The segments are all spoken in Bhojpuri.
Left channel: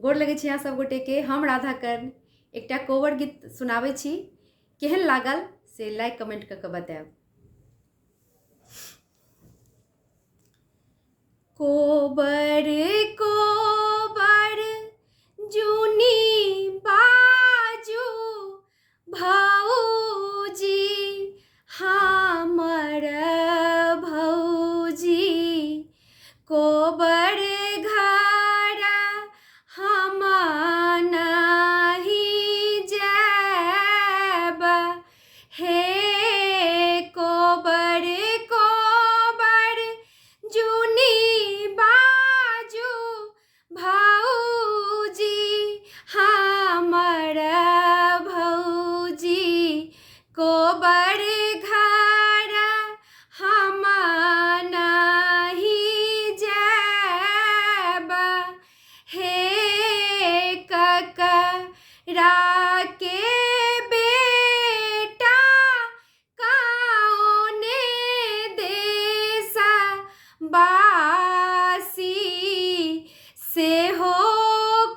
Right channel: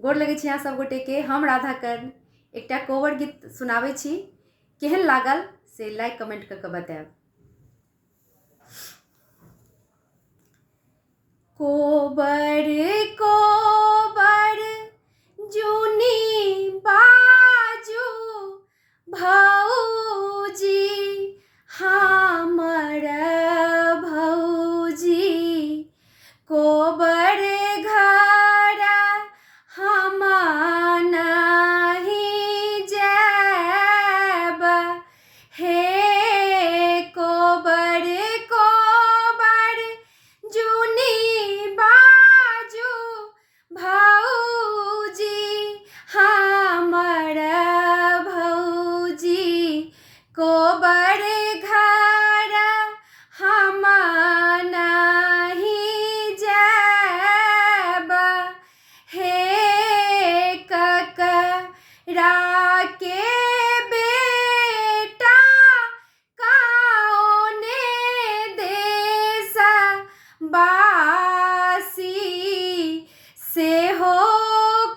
गोर लगै छी अहाँ सब गोटे के। हम राधा कर्ण एकटा कोवर गीत सुनाबै छी। केहन लागल से लाइक कमेंट कऽ के बताएब। कोबर कोबर जूनी बाजू भौजी हमर भौजी, कोबर घर हम नहीं जाएब। हे कोबर कोबर जूनी बाजू भौजी हमर भौजी, कोबर घर हम नहीं जाएब। हे ककरा के बेटा कौने देश बासी, से हो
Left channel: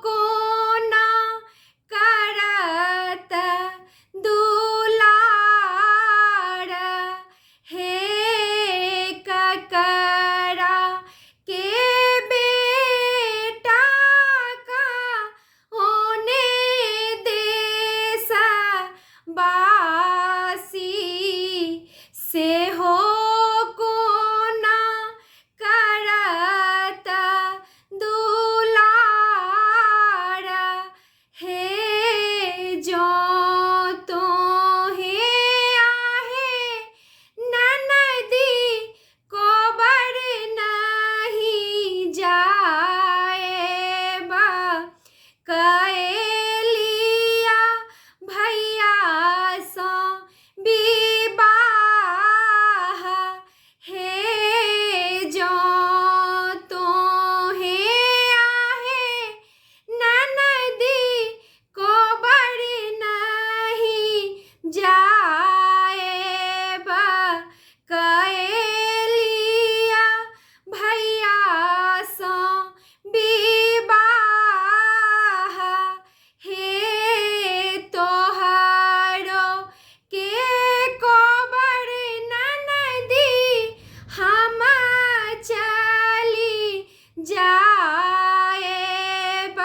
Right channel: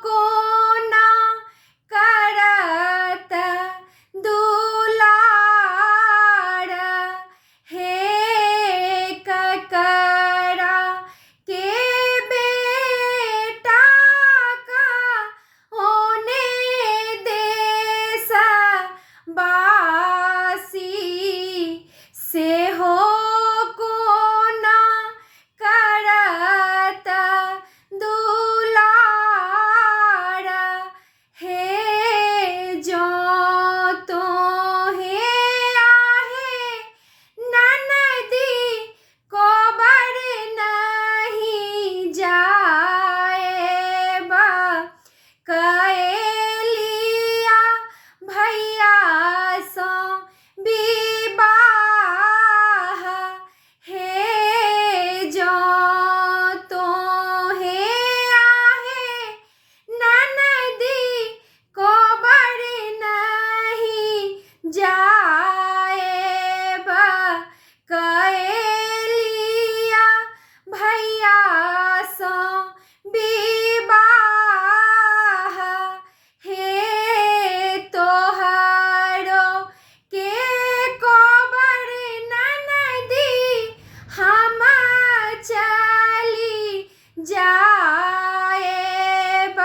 कोना करत दुलार। हे ककरा के बेटा कौने देश बासी, से हो कोना करत दुलार। हे जो तोहे आहे ननदी कोबर नहीं जाएब। कएलिया भैया सो विवाह, हे जो तोहे आहे ननदी कोबर नहीं जाएब। कएलिया भैया सो विवाह, हे तोहरो के कोबर ननदी हम चली जाएब।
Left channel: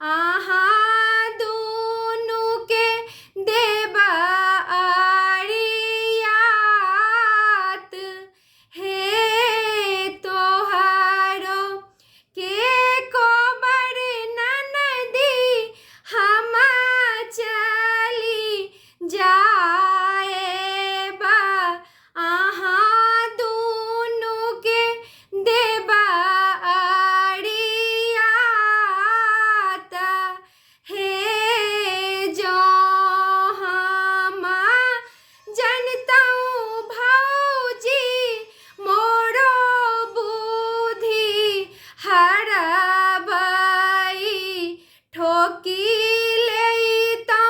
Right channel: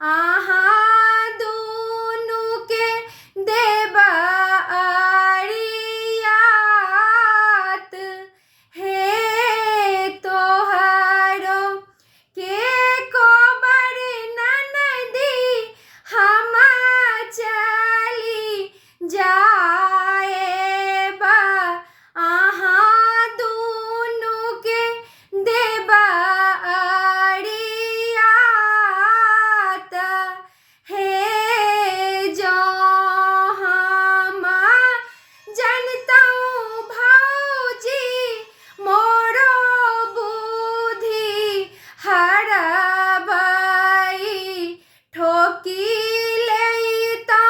अहाँ दुनू के देब अरियात, हे तोहरो के कोबर ननदी हम चली जाएब। अहाँ दुनू के देब अरियात, हे जो हम जनतौ भौजी मोरो बुद्धि हरबै। ठोकी लैतौ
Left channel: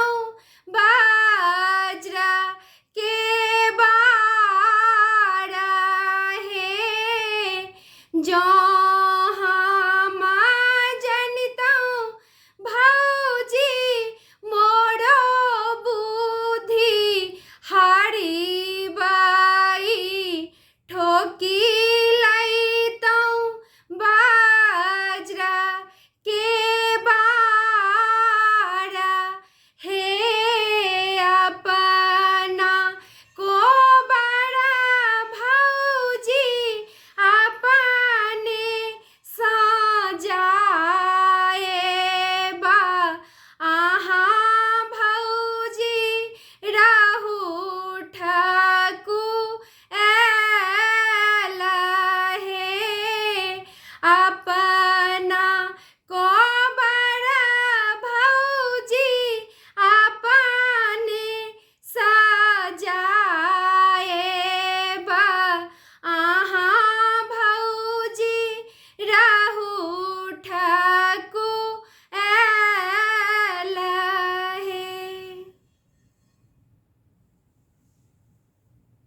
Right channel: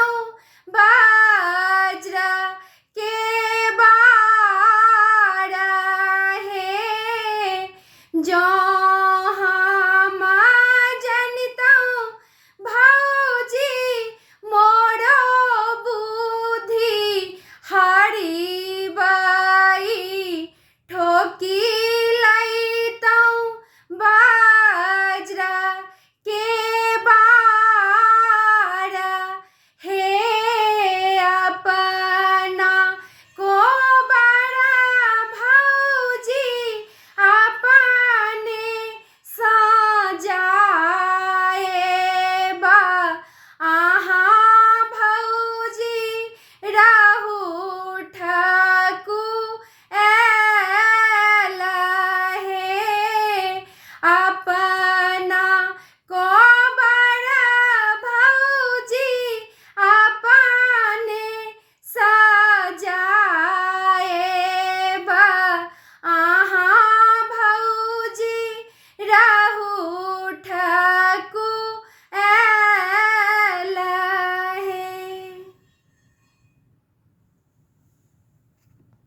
वज्र के बार, हे जो हम जनतौ भौजी मोरो बुद्धि हरिबै। ठोकी लैतौ वज्र के